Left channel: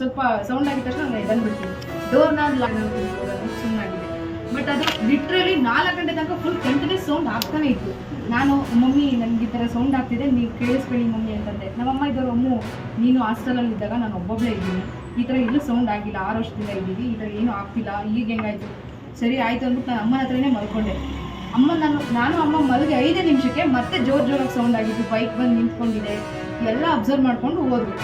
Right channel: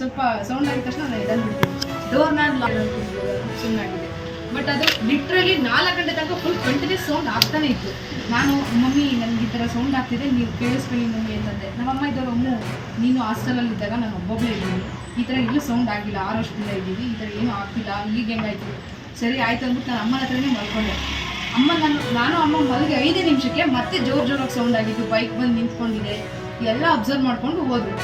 ಸ್ವಲ್ಪ ಸೌಂಡ್ ಆಗಿದ ತಕ್ಷಣ ನಾನು ಇದನ್ನು ಬಿಡ್ತೀನಿ. ಡೋರ್ನ ಸುಮ್ಮನಾಗಿದೆ. ಬಟ್ ಅದು ಲಿಟ್ರಲಿ 4 ಗಂಟೆ ತನಕ ಫುಲ್ ಕಂಟಿನ್ಯೂಸ್ ಸೌಂಡ್ ಆಗ್ತಾನೆ ಇತ್ತು. ನಾನು ಮಮ್ಮಿ ನನಗೆ ಈ ಥರ ಸೌಂಡ್ ಆಗ್ತಿದೆ, ನೀವು ಕೇಳಿಸ್ಕೊಳ್ಳಿ ಮಮ್ಮಿ ಅಂತಂದೆ. ನಮ್ಮಮ್ಮ ಇದ್ದವರು ಅಮ್ಮು ನೀನು ಹಾಸ್ಟೆಲಲ್ಲಿ ಇದ್ದಾಗ ನಾನು ಒಬ್ಬೊಬ್ಬಳೇ ಇದ್ದೀನಿ, ಈ ಥರ ಎಲ್ಲೂ ಸೌಂಡ್ ಆಗಿಲ್ಲ, 6 ವರ್ಷದಿಂದ ಇದ್ದೀವಿ, ಈ ಥರ ಏನೂ ಆಗ್ತಿಲ್ಲ, ಈಗ ಹೆಂಗಾಯ್ತು ಸರಿ ಆಯಿತು ಅಂದ್ಬಿಟ್ಟು ನಾನು ಅಮ್ಮನ ಹತ್ರನೇ ಮಲ್ಕೊಂಡೆ. ನಾನು ಅಮ್ಮ ಮಲಗಿ 5 ನಿಮಿಷಕ್ಕೆ ಮತ್ತೆ ಜೋರಾಗಿ ಸೌಂಡ್ ಆಗಿತ್ತು, ಬೈಕ್ ಬಂದು ನಿಂತ್ಕೊಂಡಿದೆ, ಎಲ್ಲ ಅಬ್ಸರ್ವ್ ಮಾಡ್ಕೊಂಡು ಹೋದ್ರು.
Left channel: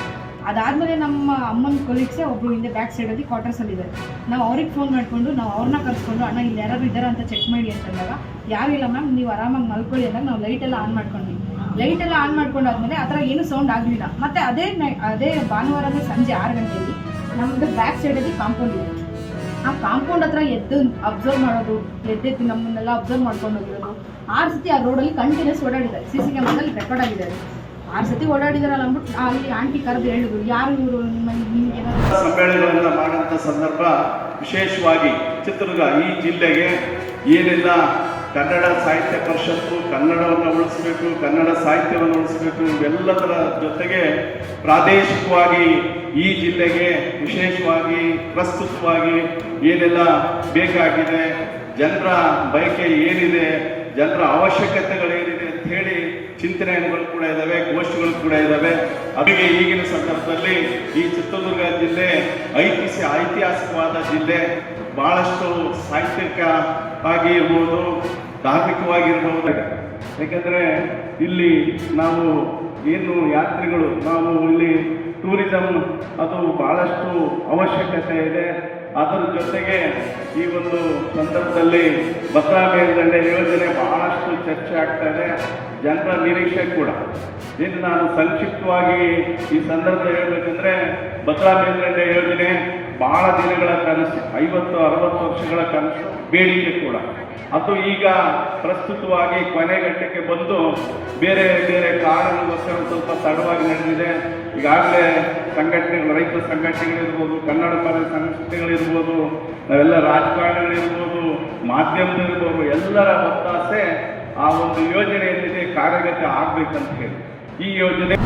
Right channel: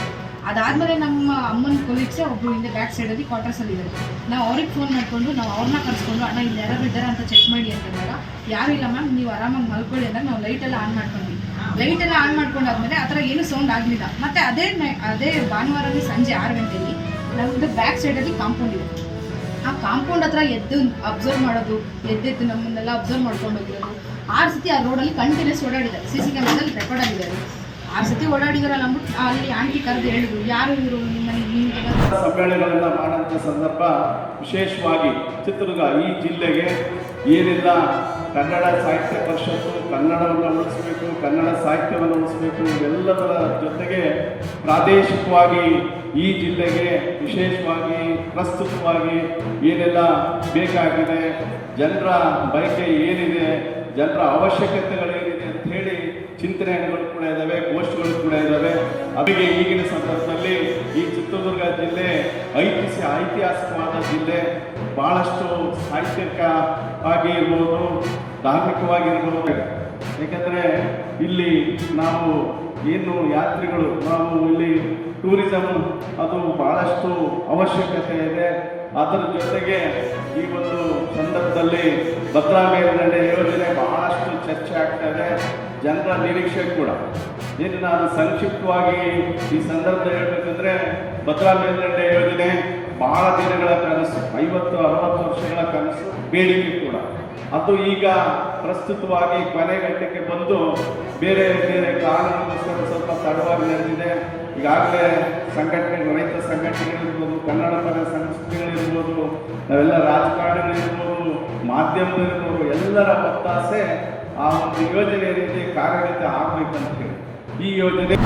ಅದಾದಮೇಲೆ ನಮ್ಮ ಅಮ್ಮನ ಕೊಲೀಗ್ಸೇ ಒಬ್ಬರು ಹಿಂದೆ ಬ್ಯಾಕ್ ಸೈಡಲ್ಲಿ ಕ್ವಾರ್ಟರ್ಸಲ್ಲಿದ್ದಾರೆ. ನಾವು ಅವ್ರಿಗೆ ಫೋನ್ ಮಾಡಿಕೊಂಡು ನಾವು ಅವ್ರನ್ನ ಕರೆಸ್ಕೊಂಡು ಅಣ್ಣ ಇಲ್ಲಿ ಯಾರಾದ್ರು ಇದ್ದಾರಾ ಅಂತ ಚೆಕ್ ಮಾಡಿ ಅಂತಂದಾಗ ಯಾರೂ ಇಲ್ಲ ಮ್ಯಾಮ್ ನೀವು ಆರಾಮಾಗಿ ಮಲ್ಕೊಳ್ಳಿ ಅಂದಾಗ ನಾವು ಲೈಟೆಲ್ಲ ಆನ್ ಮಾಡ್ಕೊಂಡ್ವಿ. ಲೈಟೆಲ್ಲ ಆನ್ ಮಾಡ್ಕೊಂಡಾದ್ಮೇಲೆ ಆ ಥರ ಏನೂ ಸೌಂಡ್ ಆಗಲಿಲ್ಲ. ಮತ್ತು ಅದೇ ಭಾನುವಾರನೇ ಸಂಜೆ 6 ಗಂಟೆಗೆ ನಮ್ಮದು ಬ್ಯಾಕ್ ಸೈಡಲ್ಲಿ ಕಾಂಪೌಂಡ್ ಇದೆ. ಆ ಕಾಂಪೌಂಡ್ ಹತ್ರ ಎದ್ದು ಅಬ್ಸರ್ವ್ ಮಾಡೋದು, ಎದ್ದೆದ್ದು ನಮ್ಮನ್ನೆಲ್ಲ ಅಬ್ಸರ್ವ್ ಮಾಡ್ಕೊಂಡು ಹೋಗಿರೋದು. 6 ಸತಿ ಆ ರೋಡಲ್ಲಿ ಕಂಟಿನ್ಯೂಸ್ ಓಡಾಡಿದ್ದಾರೆ. CC ಕ್ಯಾಮ್ರಾದಲ್ಲಿ ರೆಕಾರ್ಡ್ ಆಗಿದೆ. ಅದು 6 ಸತಿ ಓಡಾಡಿದಾರಲ್ಲ ಅಂದ್ಬಿಟ್ಟು ಅಲ್ಲಿ ಆಂಟಿ ಕರೆದು ಹೇಳಿದ್ರು, ಯಾರು ಇವರು ನಿಮ್ಮಲ್ಲಿ ಸಮ್ಮೇಳನವನ್ನು ಮಾಡುವಂಥ ಸಂದರ್ಭ ವಿಶೇಷವಾಗಿ ಚಿತ್ರದುರ್ಗ ಈ ಜಿಲ್ಲೆಗೆ ಏನೆಲ್ಲ ಕನ್ನಡ ಸಾಹಿತ್ಯ ಪರಿಷತ್ತು ಕನ್ನಡವನ್ನು ಉಳಿಸಬೇಕು, ಕನ್ನಡ ಸಾಹಿತ್ಯವನ್ನು ಉಳಿಸಬೇಕು, ಇವೆಲ್ಲದರ ಜೊತೆಗೆ ಪ್ರಾದೇಶಿಕವಾಗಿ ಈ ಜಿಲ್ಲೆಗೆ ವಿಶೇಷವಾಗಿ ಪ್ರಸ್ತುತವಾಗಿ ಏನೆಲ್ಲ ಬೇಕಾಗಿದೆ, ಜನರ ಬಯಕೆ ಏನಿದೆ, ಜನರ ಅವಶ್ಯಕತೆಗಳೇನಿದೆ ಅಂತ ಹೇಳಿ ಚಿಂತನೆಗಳು ಕೂಡ ಇದ್ದಾವೆ, ಗೋಷ್ಠಿಗಳು ಕೂಡ ಇದ್ದಾವೆ. ಅವರಿಗೆ ಈಗಿನ ಸಂದರ್ಭದಲ್ಲಿ ಈ ಚಿತ್ರದುರ್ಗ ಜಿಲ್ಲೆ ಐತಿಹಾಸಿಕವಾದ ಜಿಲ್ಲೆ, ಬಹಳಷ್ಟು ಸಾಹಿತ್ಯಿಕ ಆಗಿ ಇರ್ಬೋದು, ಧಾರ್ಮಿಕವಾಗಿರ್ಬೋದು. ಏಕೆಂದರೆ ಇಲ್ಲಿ ನಾವು ಏನು ಯಾತ್ರಿಗಳು, ನಾವು ಇಲ್ಲಿ ಟೂರಿಸಮ್ ಅದು ಬಹಳಷ್ಟು ಅವಶ್ಯಕತೆ ಇದೆ. ಅದರ ಜೊತೆಗೆ ಈ ಒಂದು ಸಂದರ್ಭದಲ್ಲಿ ಭದ್ರಾ ಮೇಲ್ದಂಡೆ ಯೋಜನೆ ಬಹಳಷ್ಟು ಚರ್ಚೆ ಆಗ್ತಾ ಇದೆ, ಜನರ ನಿರೀಕ್ಷೆ ಕೂಡ. ಇನ್ನು ನಾನು ಸಂಕ್ಷಿಪ್ತವಾಗಿ ಈ ಸಂದರ್ಭ ಹೇಳಬೇಕಂದ್ರೆ ಭದ್ರಾ ಮೇಲ್ದಂಡೆ ಯೋಜನೆ ಬಹಳ ದಿನಗಳ ಕನಸು, 50-60 ವರ್ಷಗಳ ಕನಸು, ಬೇಡಿಕೆ ಕೂಡ. ಅದು ಈಗ ಪ್ರಸ್ತುತವಾಗಿ ಕೊನೆಘಟ್ಟಕ್ಕೆ ಬಂದು ಬೇರೆ ಬೇರೆ ಕಾರಣಕ್ಕೋಸ್ಕರ ಸ್ವಲ್ಪ ತಡವಾಗಿ ನಡೆದಿದೆ. ಈಗಾಗಲೇ ಸಂಘಟನೆಗಳು, ರೈತ ಸಂಘಟನೆಗಳಿರ್ಬೋದು, ಕನ್ನಡ ಪರ ಸಂಸ್ಥೆಗಳಿರ್ಬೋದು, ನಾವೆಲ್ಲ ರಾಜಕಾರಣಿಗಳಿರ್ಬೋದು, ಮಾಧ್ಯಮದಲ್ಲಿರ್ಬೋದು, ಎಲ್ಲರ ಒತ್ತಾಸೆ ಆ ಒಂದು ಯೋಜನೆ ಏನಿದೆ ಕಾರ್ಯಗತ ಆಗಬೇಕಂತ ಹೇಳಿ ಈ ಯೋಜನೆ